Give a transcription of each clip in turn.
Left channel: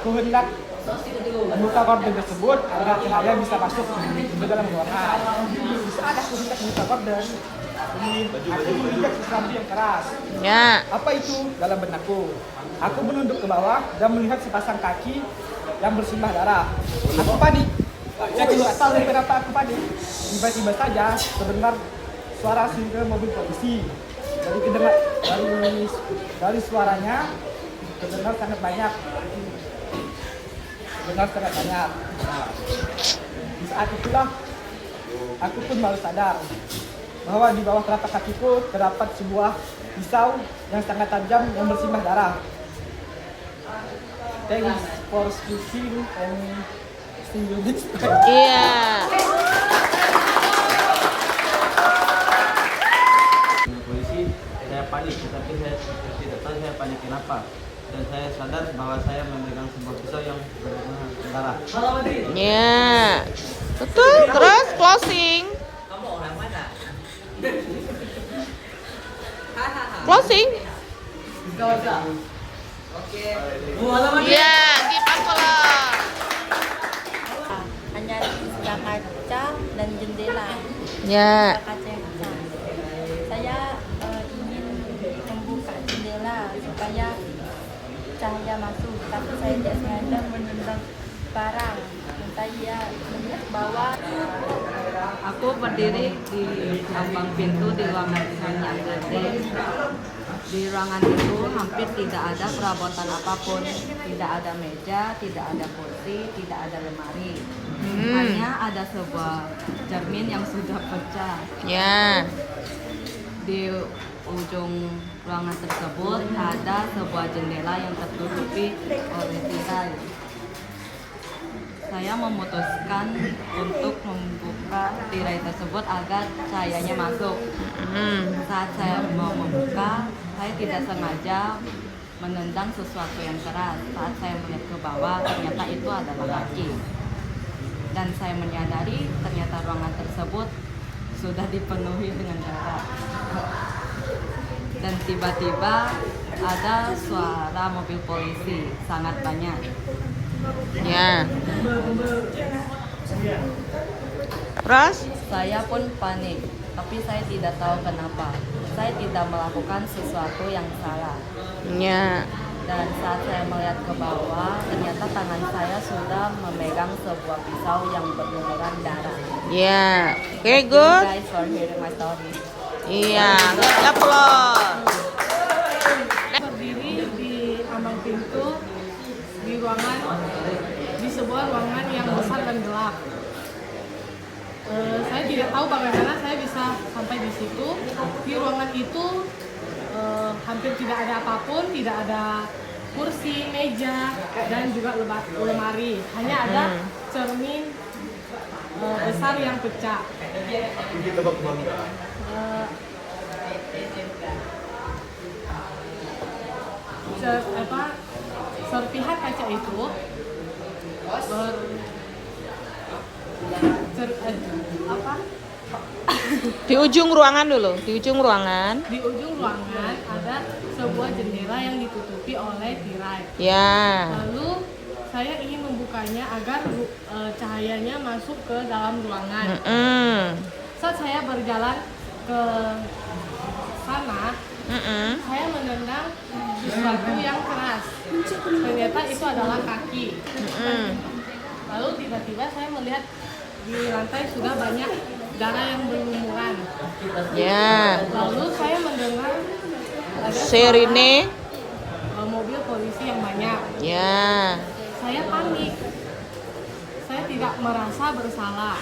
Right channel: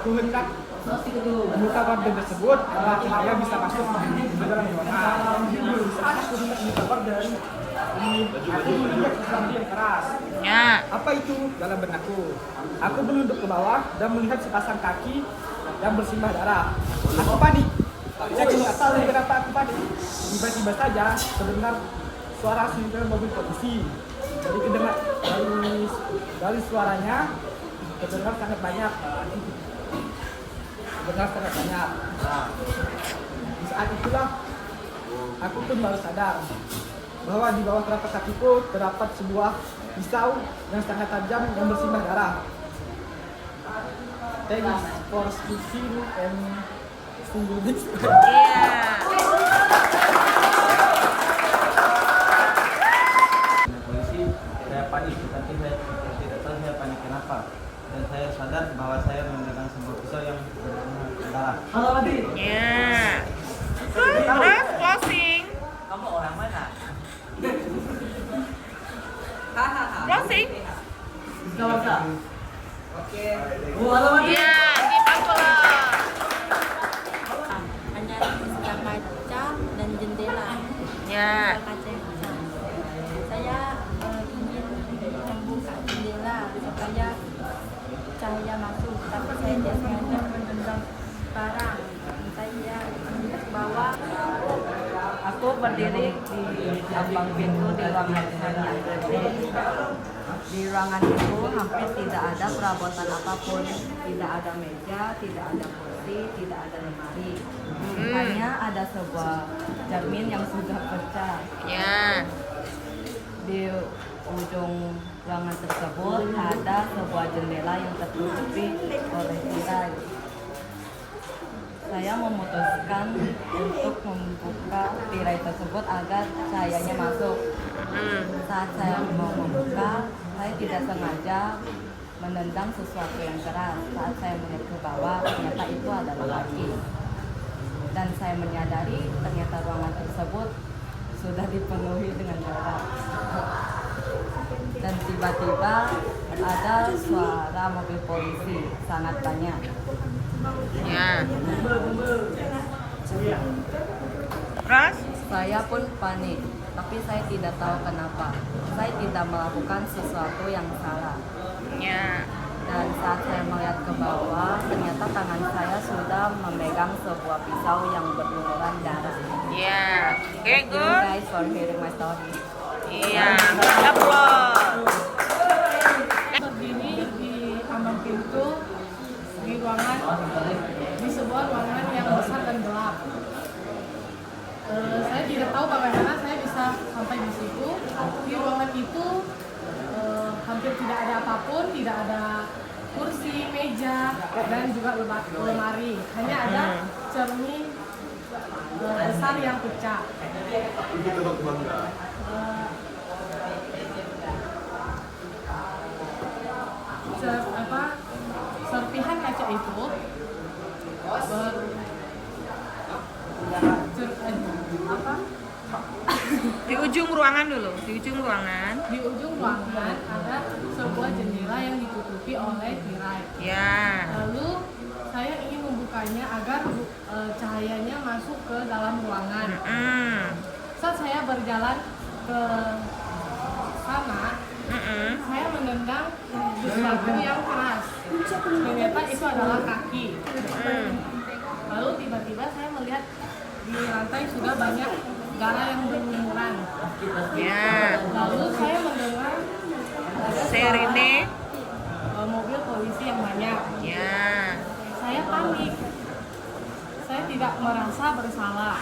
Aku hendak membuka korden tersebut agar saya bisa masuk ke dalam ruangan. Ya. Apa itu dalam benakku? Aku menunduk ke bawah dan melihat sepasang kaki yang bersimbah darah. Aku panik. Saya tidak tahu kenapa aku panik. Tiba-tiba saja terdengar suara siren mobil polisi. Dari suaranya terdengar sangat banyak. Di saat itulah aku pun baru sadar bahwa di bawah telapak kakiku terdapat sebuah pisau yang sangat tajam yang bersimbah darah. Thanks for speaking and see you next time. Iya. Polisi, saya panik, tetapi saya tidak tahu saya panik kenapa. Dan saya sadar bahwa saya memegang sebuah pisau yang berdarah. Ya. Betul, terus closing. Kamu orang mana? Closing. Oke. Ya, keep applause. Hanya buka kaca dan jendela. Ya. Buka kaca yang pecah. Saya ingin membuka jendela supaya cahaya masuk, tapi saya tidak sengaja menendang barang. Saya melihat bahwa Aku berdiri di ambang pintu di ruangan yang gede. Di ruangan itu hampir tidak ada perabotan apapun, tidak ada meja, tidak ada kursi, tidak ada lemari. Hanya ada sebuah cermin yang sudah pecah. Ya. Di ujung ruangan tersebut ada sebuah jendela yang tertutupi oleh tirai. Saya memutuskan untuk membuka tirai tersebut agar cahayanya masuk. Saat saya mau membuka, saya tidak sengaja menendang sesuatu yang keras. Saat saya melihat ke bawah, ternyata itu adalah kaki. Dan saya menyadari ternyata ruangan tersebut sudah dipenuhi dengan darah. Dan tiba-tiba ada suara mobil polisi sangat banyak. Ya. Terus? Saya pun panik, tapi saya tidak tahu kenapa. Saya tidak melakukan sesuatu yang salah. Ya. Dan saat saya melihat ke bawah, ternyata tangan saya sudah memegang sebuah pisau yang berlumuran darah. Ya. Oke, Thank you good. guys for hearing my story. Iya, applause. Berdiri di ambang pintu di sebuah ruangan yang besar dan gelap. Saya tidak tahu bagaimana saya bisa sampai di situ. Di ruangan itu hampir tidak ada apapun, tidak ada kursi, meja, dan juga lemari. Hanya ada cermin besar yang pecah. Serpihan kaca itu Di ujung ruangan dulu, di ujung ruangan. di ujung ruangan ada sebuah jendela yang ditutupi oleh tirai. Ya. Lalu saya ingin membukanya agar cahayanya masuk ke dalam ruangan. Saat saya berjalan ke sana, saya menendang sesuatu yang keras. Ternyata itu adalah kaki. Lalu tiba-tiba saya melihat di lantai sudah banyak darah yang berlumuran. Ya. Lalu saya mendengar ada Sirine. suara mobil polisi yang banyak. Ya. Saya panik. Saya tidak merasa bersalah.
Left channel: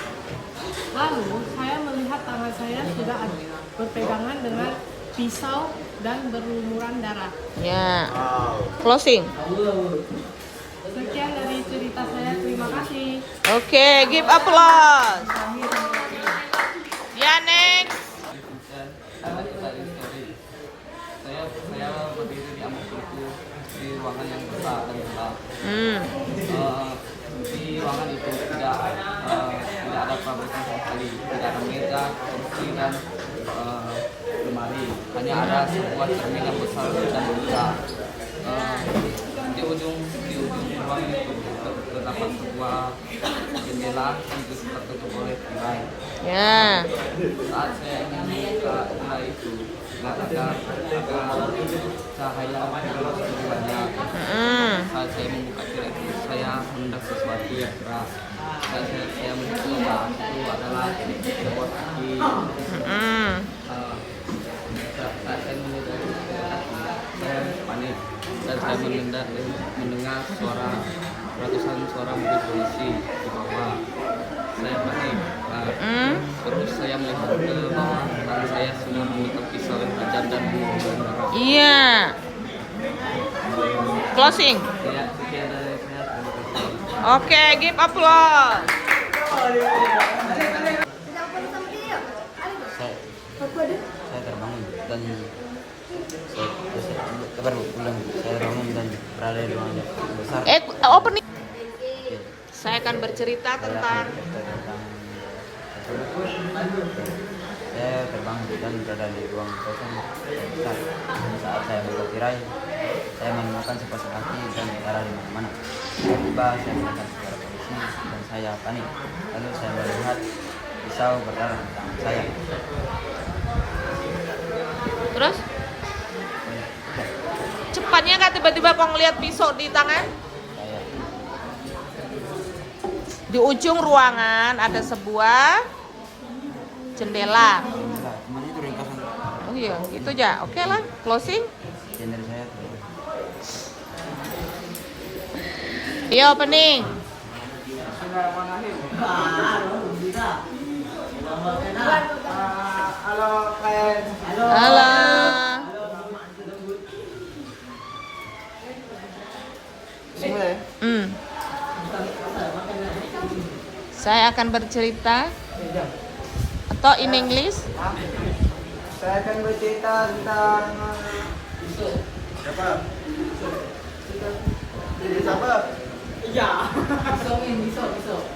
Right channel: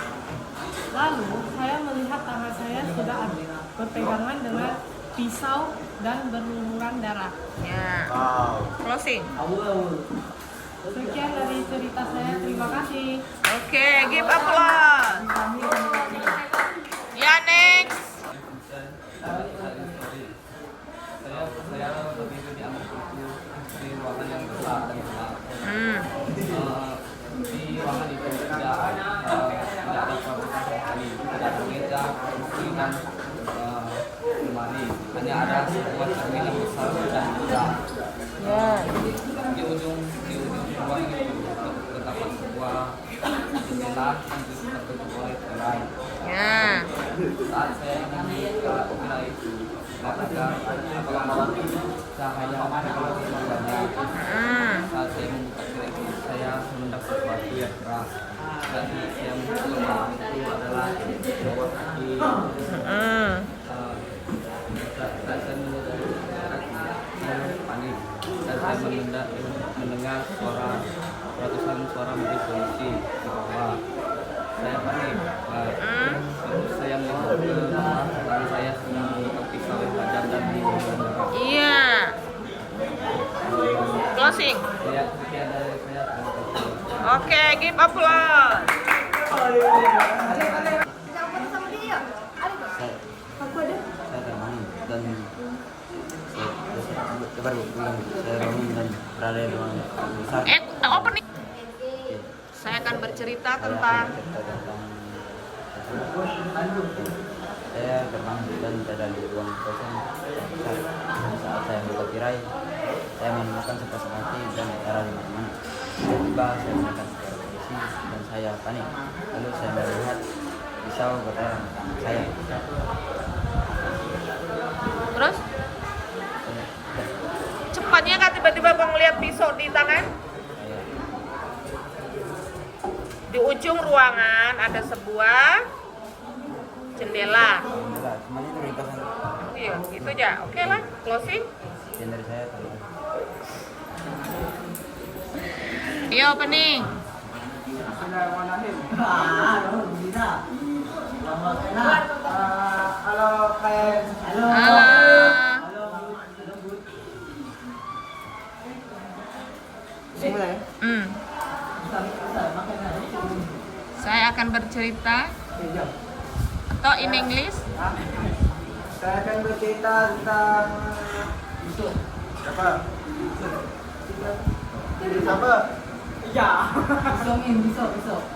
Lalu saya melihat tangan saya sudah berpegangan dengan pisau dan berlumuran darah. Ya. Closing. Sekian dari cerita saya. Terima kasih. Oke, give applause. Ya, next. Saya berdiri di ambang pintu di ruangan yang besar dan gelap. Di ruangan itu tidak ada perabotan sama sekali, tidak ada meja, kursi dan lemari. Hanya ada sebuah cermin yang besar dan besar. Di ujung terdapat sebuah jendela yang tertutup oleh tirai. Ya. Saat saya ingin membuka jendela itu, nggak ada cahaya begitu banyak. Saat saya membuka tirai itu, saya mendengar sesuatu yang keras. Dan saya mencoba itu adalah kaki. Saya panik dan saya mendengar suara ratusan suara mobil polisi di bawah. Saya panik. Terus saya melihat ke bawah dan saya sedang mengikat pisau yang tajam dan berdarah. Iya. Closing. Ya, sekian dari saya. Terima kasih. Oke, give applause. Saya terbangun dan saya baru pulang. Saya bangun dan berada di ruangan besar. Opening. Saya akan bercerita tentang saya terbangun dan berada di ruang kosong besar. Saat saya buka tirai, saya menemukan sepasang kaki dan darah di mana-mana. Tiba-tiba saya mendengar suara polisi dan saya panik. Lalu saya melihat pisau berdarah di tangan saya. terus cepatnya kan tiba-tiba kau ngeliat pisau di tangan. Di ujung ruangan ada sebuah jendela. Cuman itu ringkasan. Oh iya, itu aja. Oke lah, closing. Sekian dari saya. Terima kasih. Iya, opening. Bismillahirrahmanirrahim. Halo kalian. Halo. Mulai. Saya akan bercerita atau in English. Saya akan bercerita tentang siapa? Iya.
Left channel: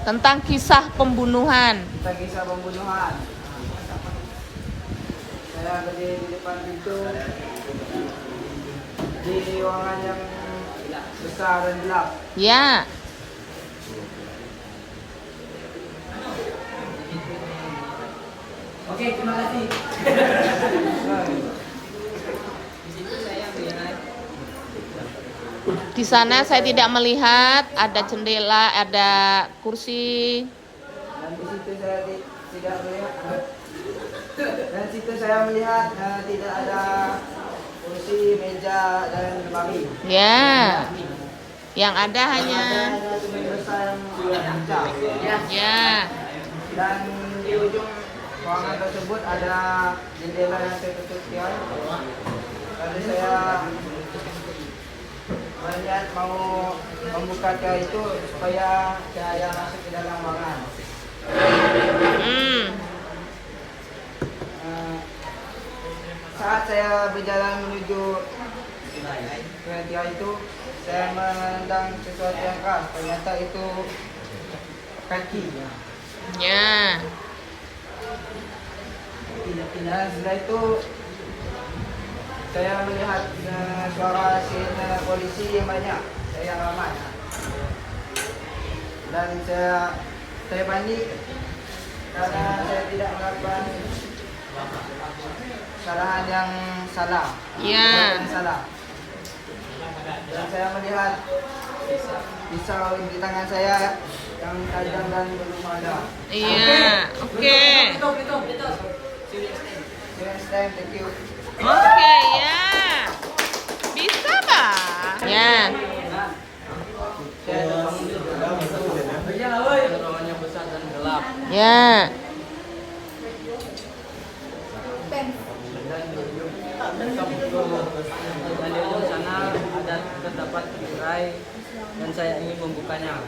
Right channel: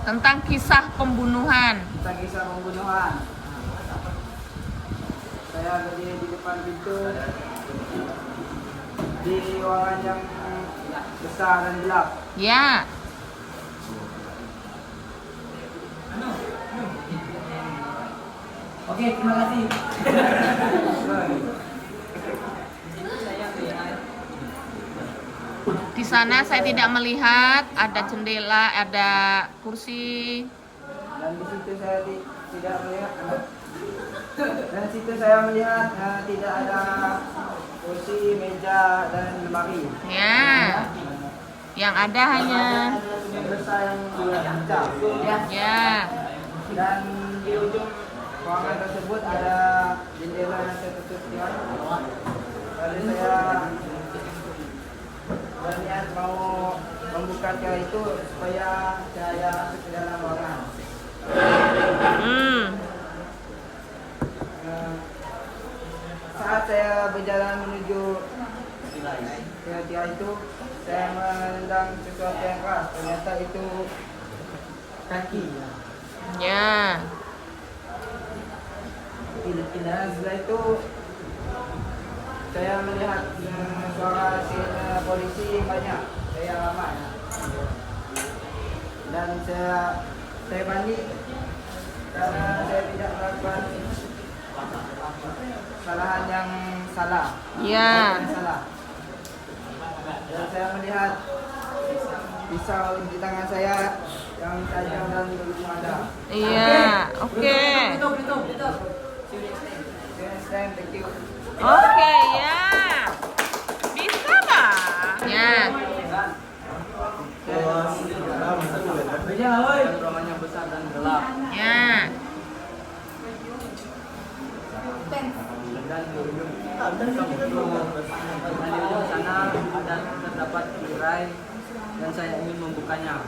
Tentang kisah pembunuhan. Tentang kisah pembunuhan. Saya berdiri di depan pintu di ruangan yang besar dan gelap. Ya. Oke, terima kasih. Di sana saya tidak melihat ada jendela, ada kursi. Dan di situ saya tidak melihat. Dan di situ saya melihat tidak ada kursi, meja dan lemari. Ya. Yang ada hanya sumber besar yang pecah. ya. Dan di ujung ruangan tersebut ada jendela yang tertutup tirai. Lalu saya berniat mau membuka tirai itu supaya cahaya masuk ke dalam ruangan. Saat saya berjalan menuju ke tirai itu, saya menendang sesuatu yang keras. Ternyata itu kaki. Ya. Dan setelah itu saya melihat suara sirine polisi yang banyak, saya aman. Dan saya panik karena saya tidak melakukan kesalahan yang salah. Ya. Yang salah. Dan saya melihat pisau di tangan saya yang tajam dan belum ada. Iya. Oke. Next time, thank you. Oke, ya. Bisa, Pak? Ya. Ruangannya besar dan gelap. Ya. Dan di ujung sana ada terdapat tirai dan saya ingin membukanya.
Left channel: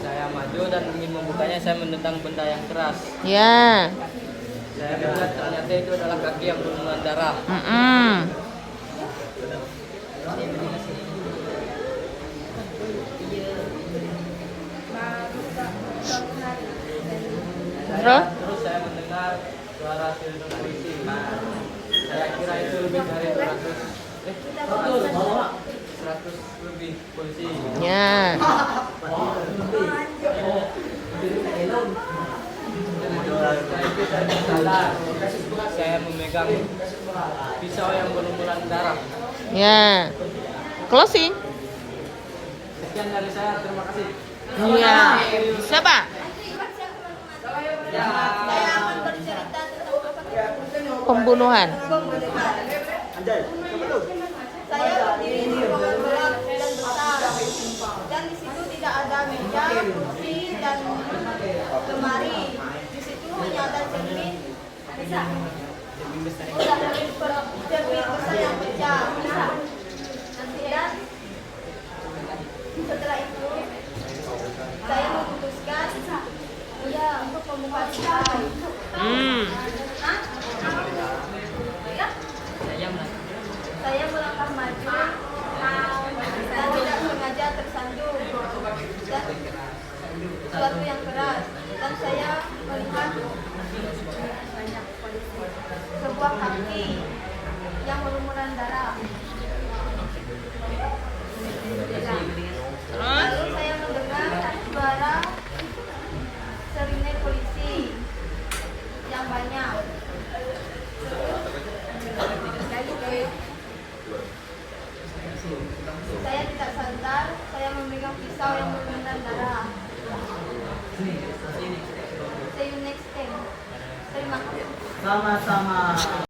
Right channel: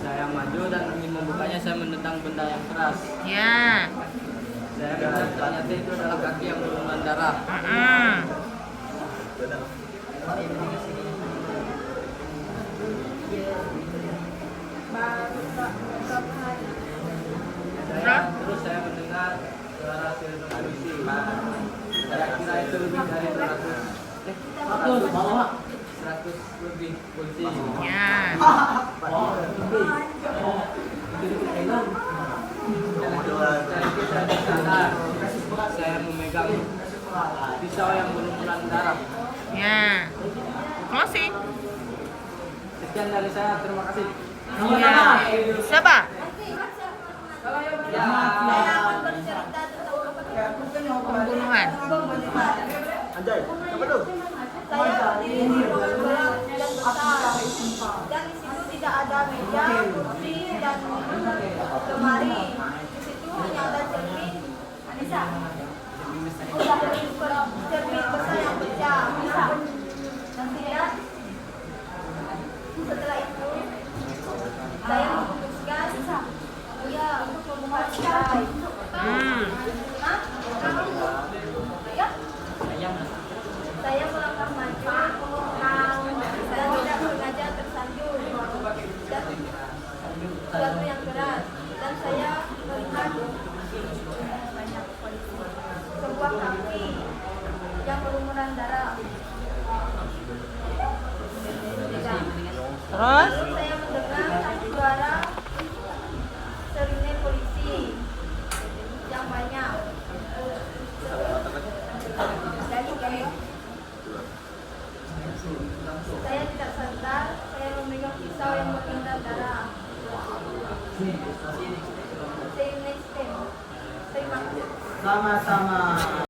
Saya maju dan ingin membukanya, saya menendang benda yang keras. Ya. Saya melihat ternyata itu adalah kaki yang berlumuran darah. Terus? Terus saya mendengar suara sirine polisi. Saya kira itu lebih dari 100 lebih polisi. Ya. Saya sadar saya memegang pisau yang berlumuran darah. Ya. Closing. Sekian dari saya, terima kasih. Ya. Siapa? Pembunuhan. Saya berdiri di ruangan gelap dan besar, dan di situ tidak ada meja, kursi, dan lemari. Di situ hanya ada cermin besar yang pecah. Dan setelah itu saya memutuskan untuk membuka tirai. Saya melangkah maju dan tidak sengaja tersandung dan sesuatu yang keras, dan saya melihat sebuah kaki yang berlumuran darah. Terus? Lalu saya mendengar suara sirine polisi yang banyak. Saya tidak sadar, saya memegang pisau yang berlumuran darah. See you next time. Terima kasih. Sama-sama.